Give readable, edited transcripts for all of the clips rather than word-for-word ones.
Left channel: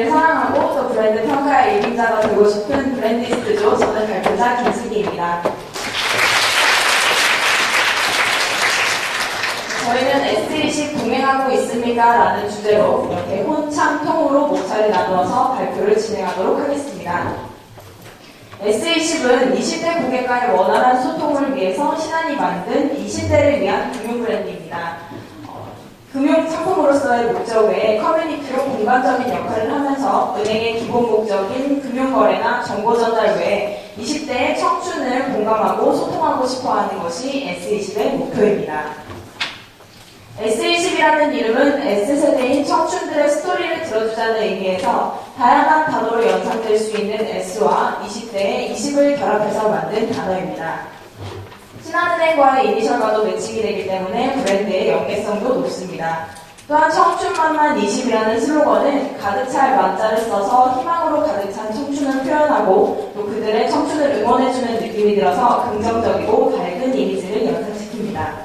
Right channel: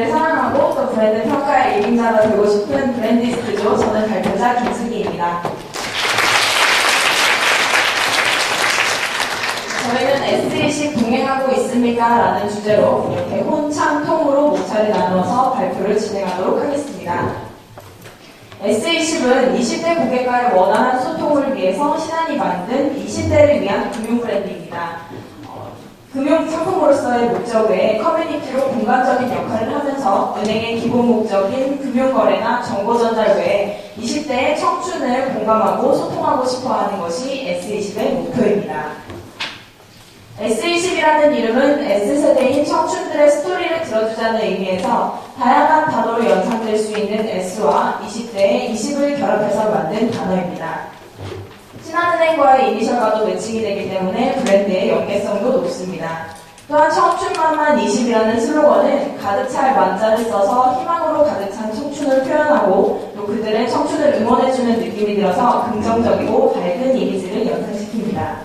브랜드를 사랑하고 또 브랜드 평가의 일인자가 되고 싶은 브랜디스트죠. 저는 발표자 김승기입니다. 저희는 S20 동행하고 있습니까? 라는 주제로 이렇게 혼참통으로 목차를 나누어서 발표를 진행하도록 하겠습니다. S20은 20대 고객과의 원활한 소통을 위해서 신한이 만든 20대를 위한 금융 브랜드입니다. 금융 상품으로서의 목적 외에 커뮤니티로 공간적인 역할을 하면서 은행의 기본 목적인 금융거래나 정보전달 외에 20대의 청춘을 공감하고 소통하고 싶어하는 것이 S20의 목표입니다. S20이라는 이름은 S세대인 청춘들의 스토리를 들어주자는 의미에서 다양한 단어로 연상될 수 있는 S와 20대의 20을 결합해서 만든 단어입니다. 신한은행과의 이니셜과도 매칭이 되기 때문에 브랜드의 연계성도 높습니다. 또한 청춘만만 20이라는 슬로건은 가득 찰 만자를 써서 희망으로 가득 찬 청춘을 표현하고 또 그들의 청춘을 응원해주는 느낌이 들어서 긍정적이고 밝은 이미지를 연상시킵니다.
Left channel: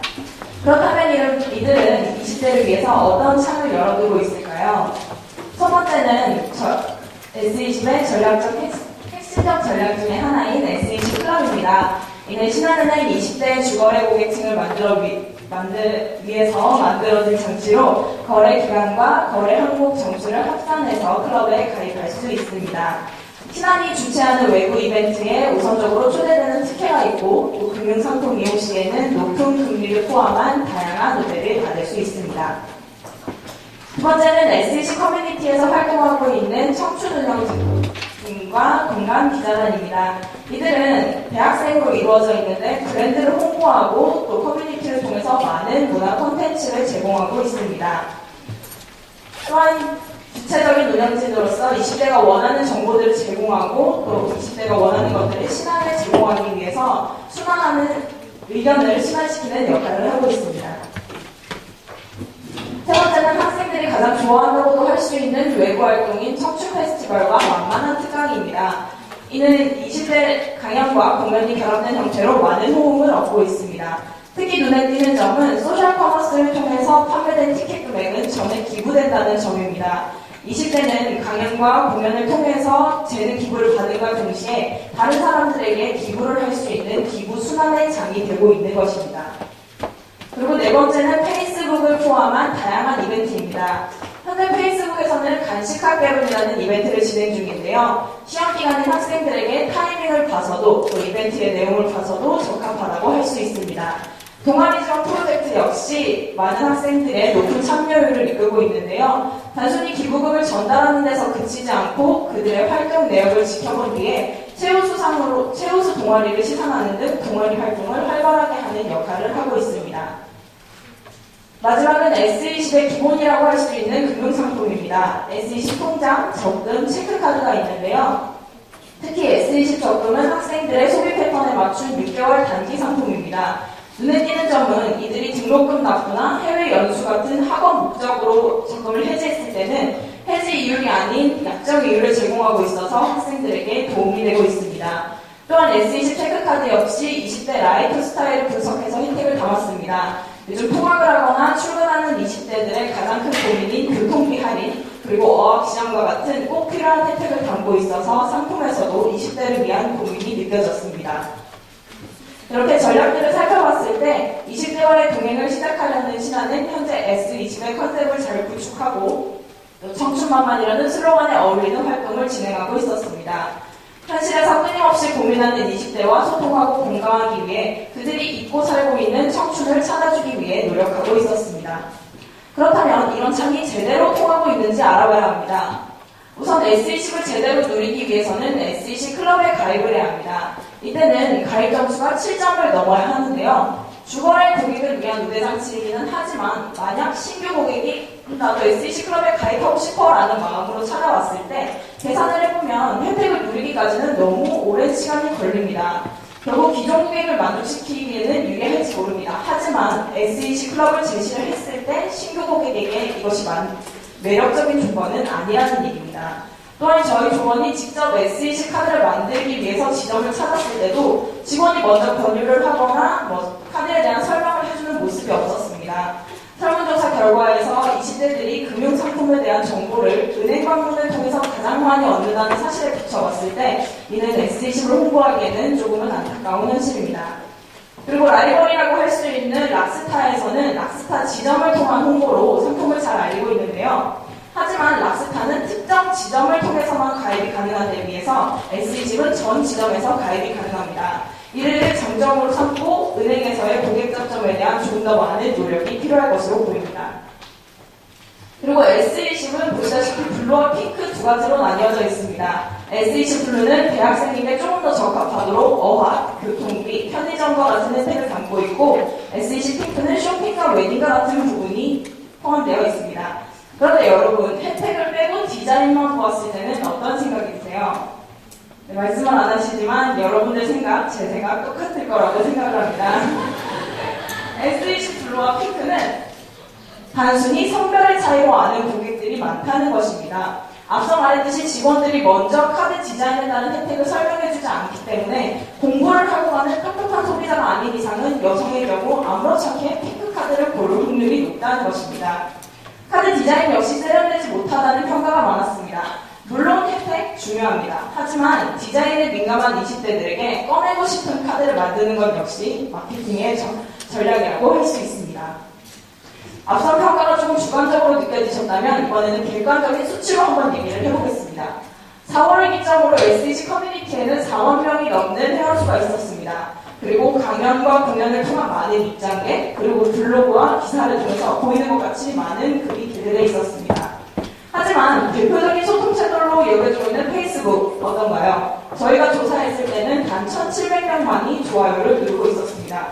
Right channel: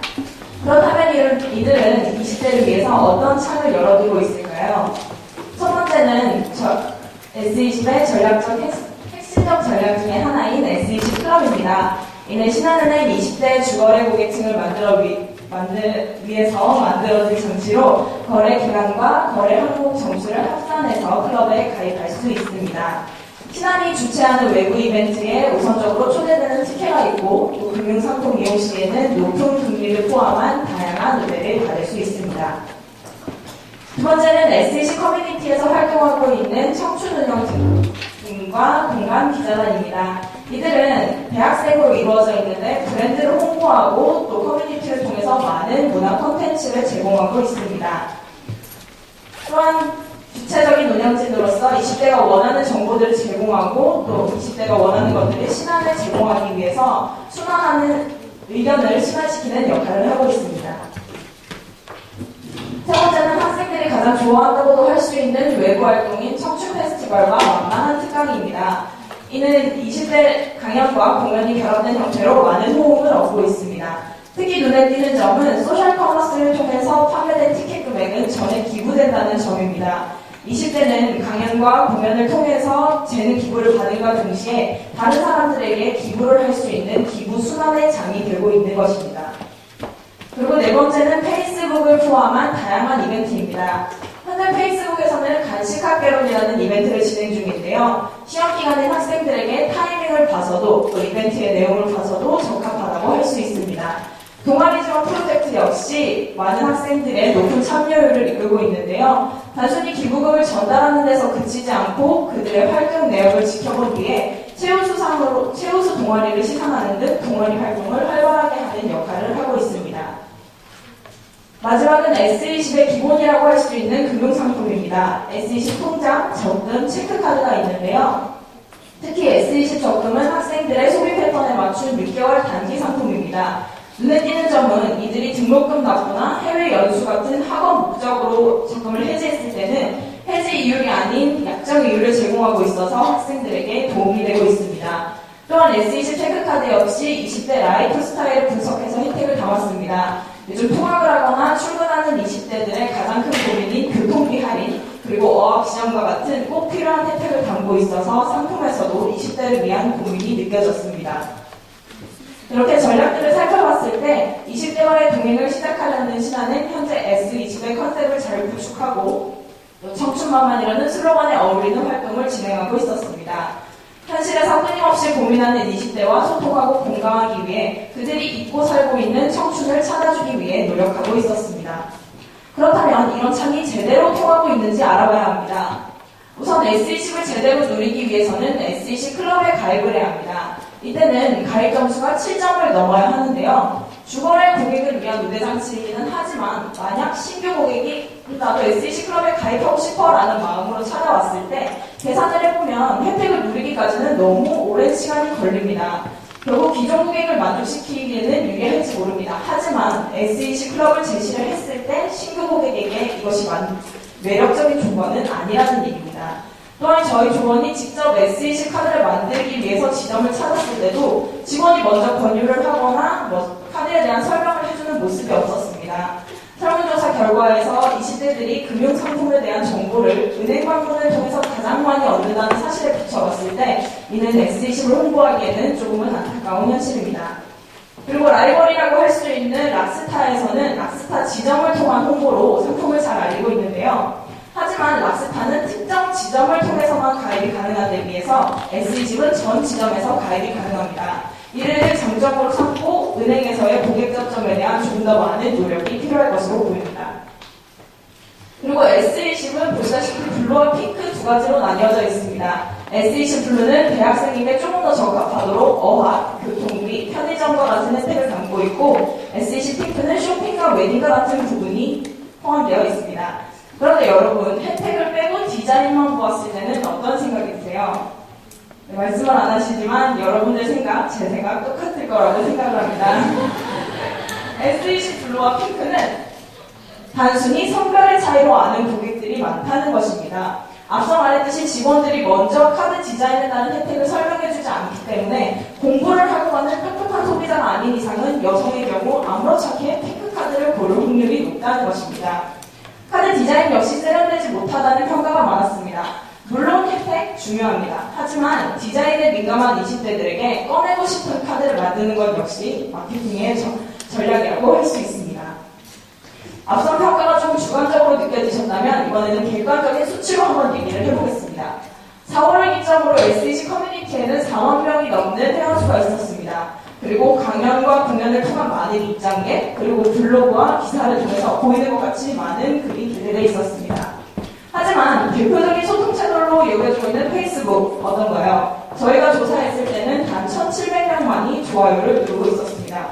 그렇다면 이들은 20대를 위해서 어떤 창을 열어두고 있을까요? 첫 번째는 S20의 핵심적 전략 중에 하나인 S20 클럽입니다. 이는 신한은행 20대 주거래 고객층을 위해서 만들어진 장치로 거래 기간과 거래 항목 점수를 합산해서 클럽에 가입할 수 있습니다. 신한이 주최하는 외부 이벤트에 우선적으로 초대되는 특혜가 있고 또 금융상품 이용 시에는 높은 금리를 포함한 다양한 우대를 받을 수 있습니다. 두 번째는 S20 커뮤니티에서 활동하고 있는 청춘운영팀과 공감 기자단입니다. 이들은 대학생으로 이루어져 있는데 브랜드를 홍보하고 또 커뮤니티를 통해서 많은 문화 콘텐츠를 제공하고 있습니다. 또한 주체적인 운영진으로서 20대가 원하는 정보들을 제공하고 또 20대가 원하는 것들을 신한에 제공하기 위해서 순환하는 의견을 순환시키는 역할을 하고 있습니다. 세 번째는 학생들이 가장 좋아한다고도 할 수 있는 외부 활동인 청춘 페스티벌과 만만한 특강입니다. 이는 20대 강연과 공연이 결합된 형태로 많은 호응을 얻고 있습니다. 특히 눈에 띄는 점은 소셜 커머스를 통해서 판매된 티켓 금액은 전액 기부된다는 점입니다. 20대는 강연과 공연을 통해서 재능 기부를 받음과 동시에 다른 사람들에게 기부를 할 수 있는 기부 순환의 장이 되고 있는 것입니다. 그리고 네 번째는 페이스북을 포함한 다양한 이벤트입니다. 현재 페이스북에서는 간식학개론이라는 이벤트를 진행 중인데요. 시험 기간인 학생들에게 타이밍을 봐서도 또 이벤트의 내용을 봐서도 적합하다고 할 수 있습니다. 동아리 지원 프로젝트 역시 많은 학생들의 높은 참여율을 이끌고 있는데요. 단순히 기부금을 전달하는 데서 그치지 않고 그들의 활동 내역을 지켜보기 위해 최우수 동아리를 시상하는 등 동아리 활동을 활발하게 하는 역할을 하고 있습니다. 마지막은 S20의 기본이라고 할 수 있는 금융상품입니다. S20 통장, 적금, 체크카드가 있는데요. 특히 S20 적금은 학생들의 소비 패턴에 맞춘 6개월 단기 상품입니다. 눈에 띄는 점은 이들이 등록금 납부나 해외 연수 같은 학업 목적으로 적금을 해지했을 때는 해지 이율이 아닌 약정 이율을 제공하고 있어서 학생들에게 도움이 되고 있습니다. 또한 S20 체크카드 역시 20대 라이프 스타일을 분석해서 혜택을 담았습니다. 요즘 통학을 하거나 출근하는 20대들의 가장 큰 고민인 교통비 할인, 그리고 어학시험과 같은 꼭 필요한 혜택을 담고 있어서 상품에서도 20대를 위한 고민이 느껴졌습니다. 이렇게 전략들을 살펴봤을 때 20대와의 동행을 시작하려는 신한은 현재 S20의 컨셉을 잘 구축하고 청춘만만이라는 슬로건에 어울리는 활동을 진행하고 있었습니다. 현실에서 끊임없이 고민하는 20대와 소통하고 공감하기 위해 그들이 잊고 살고 있는 청춘을 찾아주기 위해 노력하고 있었습니다. 그렇다면 이런 창이 제대로 통하고 있는지 알아봐야 합니다. 우선 S20을 제대로 누리기 위해서는 S20 클럽에 가입을 해야 합니다. 이때는 가입 점수가 7점을 넘어야 하는데요. 주거래 고객을 위한 우대장치이기는 하지만 만약 신규 고객이 나도 S20 클럽에 가입하고 싶어라는 마음으로 찾아왔을 때 계산을 해보면 혜택을 누리기까지는 너무 오랜 시간이 걸립니다. 결국 기존 고객을 만족시키기에는 유리할지 모릅니다. 하지만 S20 클럽을 제시를 했을 때 신규 고객에게 이것이 매력적인 조건은 아니라는 얘기입니다. 또한 저희 조원이 직접 S20 카드를 만들기 위해서 지점을 찾았을 때도 직원이 먼저 권유를 하거나 카드에 대한 설명을 해주는 모습이 없었습니다. 설문조사 결과에서 20대들이 금융상품에 대한 정보를 은행 방문을 통해서 가장 많이 얻는다는 사실에 비춰봤을 때 이는 S20을 홍보하기에는 조금은 안타까운 현실입니다. 그리고 라이벌이라고 할 수 있는 락스타에서는 락스타 지점을 통한 홍보로 상품을 잘 알리고 있는데요. 하지만 락스타는 특정 지점을 통해서만 가입이 가능한 데 비해서 S20은 전 지점에서 가입이 가능합니다. 이를 장점으로 삼고 은행에서의 고객 접점에 대한 좀 더 많은 노력이 필요할 것으로 보입니다. 그리고 S20은 보시다시피 블루와 핑크 두 가지로 나뉘어져 있습니다. S20 블루는 대학생에게 조금 더 적합하도록 어학, 교통비, 편의점과 같은 혜택을 담고 있고 S20 핑크는 쇼핑과 웨딩과 같은 부분이 포함되어 있습니다. 그런데 여러분, 혜택을 빼고 디자인만 보았을 때는 어떤 생각이 드세요? 네, 말씀은 안 하시지만 여러분의 생각, 제 생각 똑같을 거라고 생각을 합니다. S20 블루와 핑크는 단순히 성별의 차이로 아는 고객들이 많다는 것입니다. 앞서 말했듯이 직원들이 먼저 카드 디자인에 따른 혜택을 설명해주지 않기 때문에 공부를 하고 가는 팍팍한 소비자가 아닌 이상은 여성의 경우 아무렇지 않게 핑크 카드를 고를 확률이 높다는 것입니다. 카드 디자인 역시 세련되지 못하다는 평가가 많았습니다. 물론 혜택 중요합니다. 하지만 디자인에 민감한 20대들에게 꺼내고 싶은 카드를 만드는 것 역시 마케팅의 전략이라고 할 수 있습니다. 앞선 평가가 좀 주관적으로 느껴지셨다면 이번에는 객관적인 수치로 한번 얘기를 해보겠습니다. 4월을 기점으로 S20 커뮤니티에는 4만 명이 넘는 회원수가 있었습니다. 그리고 강연과 공연을 통한 많은 입장객, 그리고 블로그와 기사를 통해서 보이는 것 같이 많은 글이 기대되어 있었습니다. 하지만 대표적인 소통 채널로 여겨지고 있는 페이스북 어떤가요? 저희가 조사했을 때는 단 1,700명만이 좋아요를 누르고 있었습니다.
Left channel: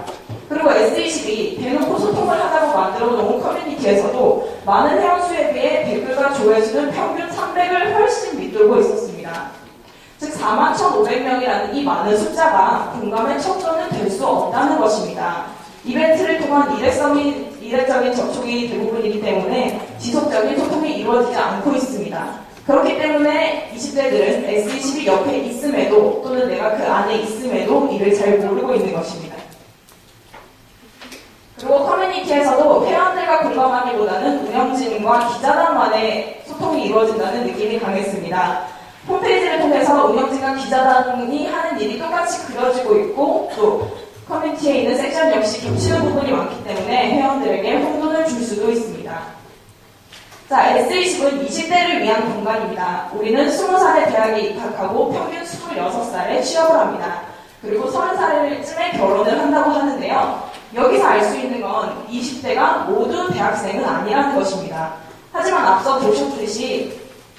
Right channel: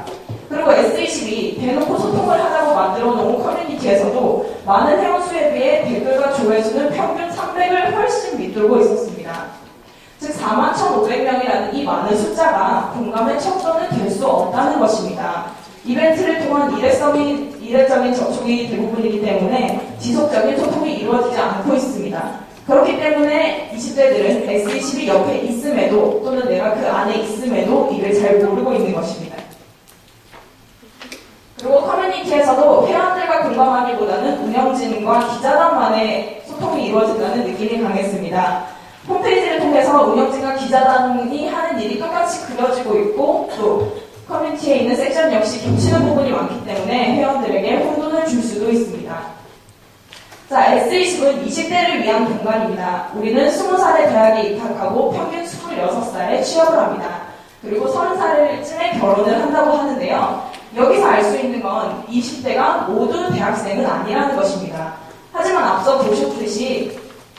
그리고 S20이 대놓고 소통을 하자고 만들어 놓은 커뮤니티에서도 많은 회원수에 비해 댓글과 조회수는 평균 300을 훨씬 밑돌고 있었습니다. 즉 41,500명이라는 이 많은 숫자가 공감의 척도는 될 수 없다는 것입니다. 이벤트를 통한 일회적인 접촉이 대부분이기 때문에 지속적인 소통이 이루어지지 않고 있습니다. 그렇기 때문에 20대들은 S20이 옆에 있음에도 또는 내가 그 안에 있음에도 이를 잘 모르고 있는 것입니다. 그리고 커뮤니티에서도 회원들과 공감하기보다는 운영진과 기자단만의 소통이 이루어진다는 느낌이 강했습니다. 홈페이지를 통해서 운영진과 기자단이 하는 일이 똑같이 그려지고 있고 또 커뮤니티에 있는 섹션 역시 겹치는 부분이 많기 때문에 회원들에게 혼돈을 줄 수도 있습니다. 자, S20은 20대를 위한 공간입니다. 우리는 20살에 대학에 입학하고 평균 26살에 취업을 합니다. 그리고 30살쯤에 결혼을 한다고 하는데요. 여기서 알 수 있는 건 20대가 모두 대학생은 아니라는 것입니다. 하지만 앞서 보셨듯이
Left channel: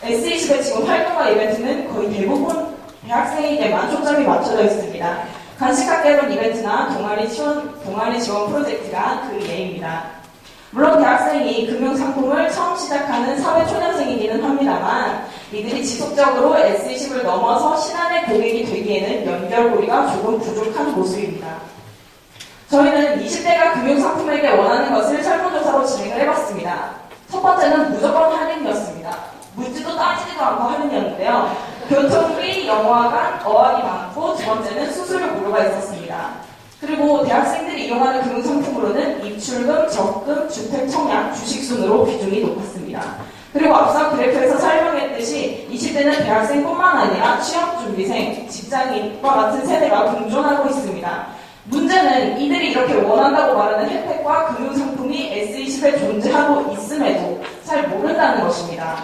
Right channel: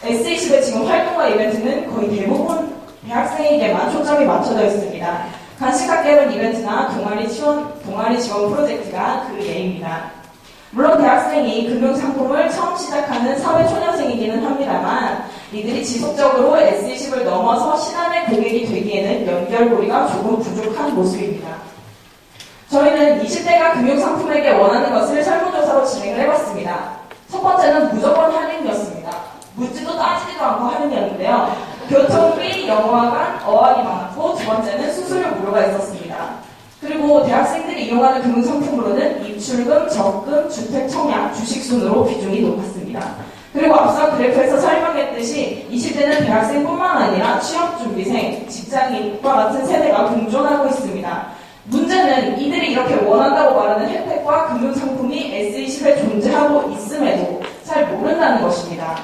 S20의 지금 활동과 이벤트는 거의 대부분 대학생에게만 초점이 맞춰져 있습니다. 간식학개론 이벤트나 동아리 지원 프로젝트가 그 예입니다. 물론 대학생이 금융상품을 처음 시작하는 사회초년생이기는 합니다만 이들이 지속적으로 S20을 넘어서 신한의 고객이 되기에는 연결고리가 조금 부족한 모습입니다. 저희는 20대가 금융상품에게 원하는 것을 설문조사로 진행을 해봤습니다. 첫 번째는 무조건 할인이었습니다. 묻지도 따지지도 않고 할인이었는데요. 교통비, 영화관, 어학이 많았고 두 번째는 수수료 무료가 있었습니다. 그리고 대학생들이 이용하는 금융상품으로는 입출금, 적금, 주택 청약, 주식 순으로 비중이 높았습니다. 그리고 앞서 그래프에서 설명했듯이 20대는 대학생뿐만 아니라 취업준비생, 직장인과 같은 세대가 공존하고 있습니다. 문제는 이들이 이렇게 원한다고 말하는 혜택과 금융상품이 S20에 존재하고 있음에도 잘 모른다는 것입니다.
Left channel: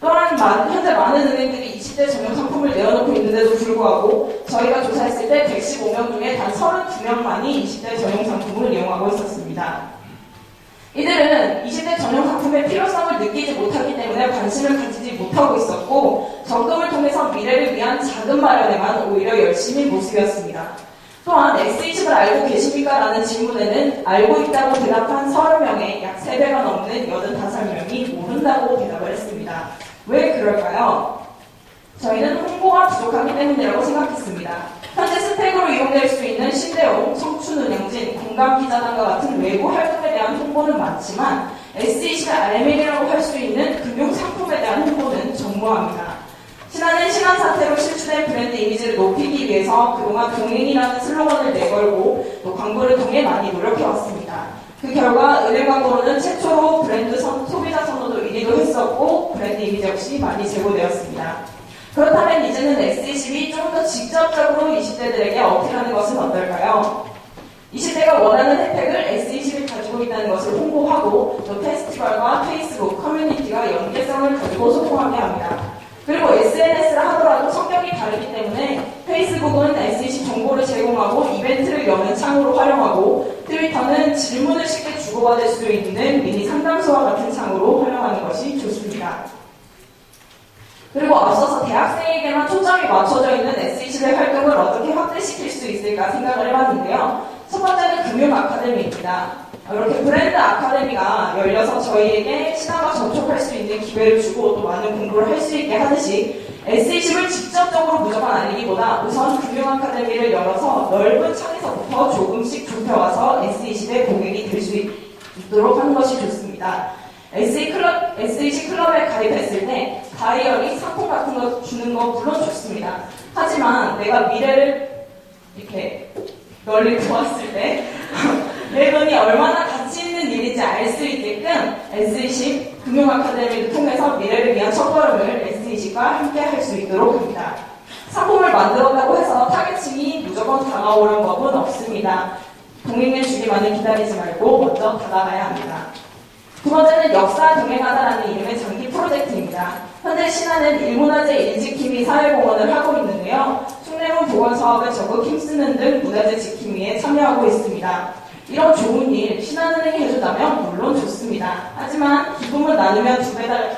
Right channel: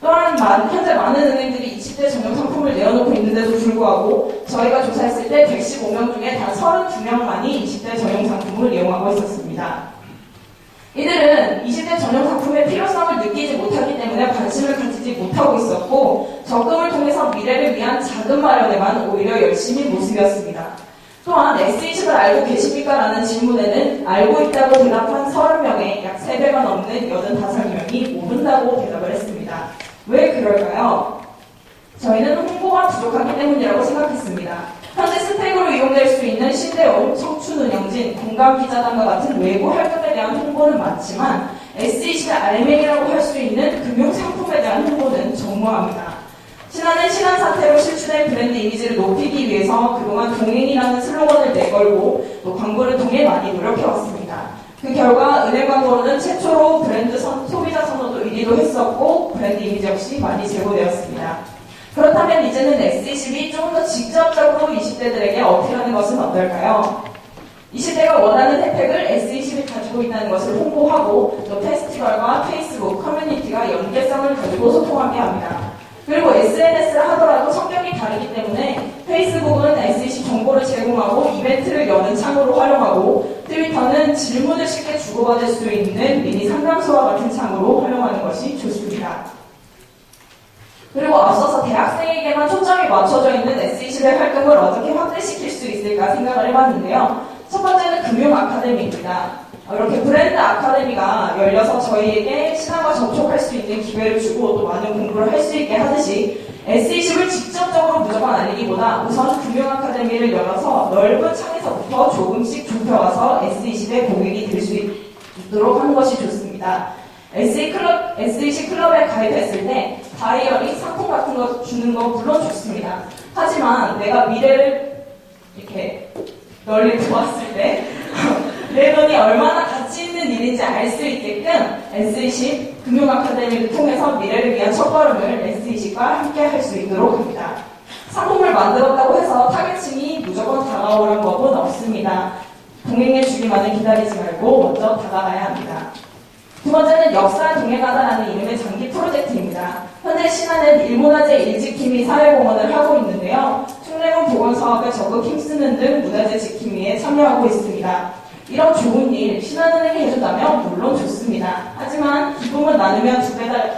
또한 현재 많은 은행들이 20대 전용 상품을 내어놓고 있는데도 불구하고 저희가 조사했을 때 115명 중에 단 32명만이 20대 전용 상품을 이용하고 있었습니다. 이들은 20대 전용 상품의 필요성을 느끼지 못하기 때문에 관심을 가지지 못하고 있었고 적금을 통해서 미래를 위한 자금 마련에만 오히려 열심히 모습이었습니다. 또한 S20을 알고 계십니까? 라는 질문에는 알고 있다고 대답한 30명에 약 3배가 넘는 85명이 모른다고 대답을 했습니다. 왜 그럴까요? 저희는 홍보가 부족하기 때문이라고 생각했습니다. 현재 스펙으로 이용될 수 있는 신대용, 청춘운영진, 공감기자단과 같은 외부 활동에 대한 홍보는 많지만 S20의 알맹이라고 할 수 있는 금융상품에 대한 홍보는 전무합니다. 신한은 신한 사태로 실추된 브랜드 이미지를 높이기 위해서 그동안 동행이라는 슬로건을 내걸고 또 광고를 통해 많이 노력해왔습니다. 그 결과 은행 광고로는 최초로 브랜드 소비자 선호도 1위 되기도 했었고 브랜드 이미지 역시 많이 제고되었습니다. 그렇다면 이제는 S20이 좀 더 직접적으로 20대들에게 어필하는 것은 어떨까요? 20대가 원하는 혜택을 S20이 가지고 있다는 것을 홍보하고 또 페스티벌과 페이스북, 커뮤니티가 연계성을 가지고 소통하게 합니다. 그리고 SNS를 하더라도 성격이 다르기 때문에 페이스북은 S20 정보를 제공하고 이벤트를 여는 창으로 활용하고 트위터는 질문을 쉽게 주고받을 수 있는 미니 상담소와 같은 창으로 활용하는 것이 좋습니다. 그리고 앞서서 대학생에게만 초점이 맞춰져 있는 S20의 활동을 어떻게 확대시킬 수 있을까 생각을 해봤는데요. 첫 번째는 금융 아카데미입니다. 이렇게 브랜드 아카데미가 열려서 저희에게 시장과 접촉할 수 있는 기회를 주고 또 많은 공부를 할 수 있게 하듯이 S20을 직접적으로 무조건 알리기보다 우선 금융 아카데미를 열어서 넓은 창에서부터 조금씩 좁혀와서 S20의 고객이 될 수 있도록 하는 것이 좋습니다. S20 클럽에 가입했을 때 다이어리, 상품 같은 거 주는 거 물론 좋습니다. 하지만 내가 미래를 이렇게 널리 보았을 때 내 돈이 얼마나 가치 있는 일인지 알 수 있게끔 S20 금융 아카데미를 통해서 미래를 위한 첫걸음을 S20과 함께 할 수 있도록 합니다. 상품을 만들었다고 해서 타겟층이 무조건 다가오는 법은 없습니다. 동행해 주기만을 기다리지 말고 먼저 다가가야 합니다. 두 번째는 역사 동행하다라는 이름의 장기 프로젝트입니다. 현재 신안은 일문화재 일지킴이 사회공헌을 하고 있는데요. 숭례문 복원사업에 적극 힘쓰는 등 문화재 지킴이에 참여하고 있습니다. 이런 좋은 일 신한은행이 해준다면 물론 좋습니다. 하지만 기쁨을 나누면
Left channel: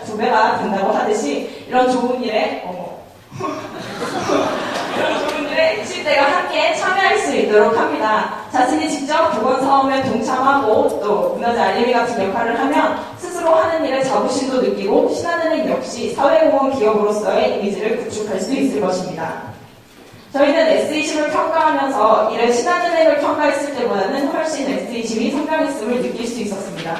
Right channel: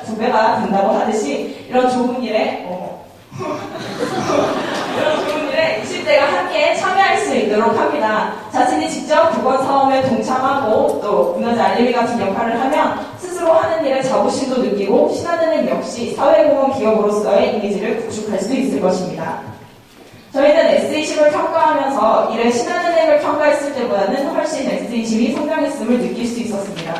두 배가 된다고 하듯이 이런 좋은 일에 20대가 함께 참여할 수 있도록 합니다. 자신이 직접 복원사업에 동참하고 또 문화재 알림이 같은 역할을 하면 스스로 하는 일에 자부심도 느끼고 신한은행 역시 사회공헌 기업으로서의 이미지를 구축할 수 있을 것입니다. 저희는 S20을 평가하면서 이를 신한은행을 평가했을 때보다는 훨씬 S20이 성장했음을 느낄 수 있었습니다.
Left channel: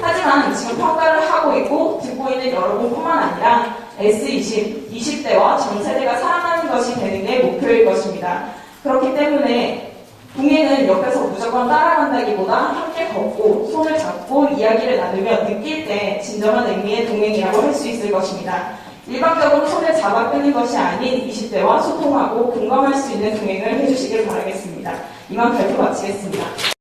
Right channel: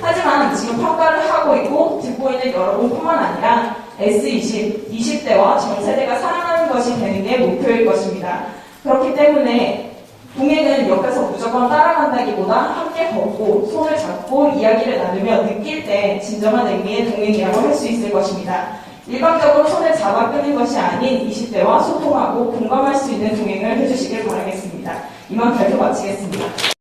하지만 지금 평가를 하고 있고 듣고 있는 여러분뿐만 아니라 S20, 20대와 전 세대가 사랑하는 것이 되는 게 목표일 것입니다. 그렇기 때문에 동행은 옆에서 무조건 따라간다기보다 함께 걷고 손을 잡고 이야기를 나누며 느낄 때 진정한 의미의 동행이라고 할 수 있을 것입니다. 일방적으로 손을 잡아 끄는 것이 아닌 20대와 소통하고 공감할 수 있는 동행을 해주시길 바라겠습니다. 이만 발표 마치겠습니다.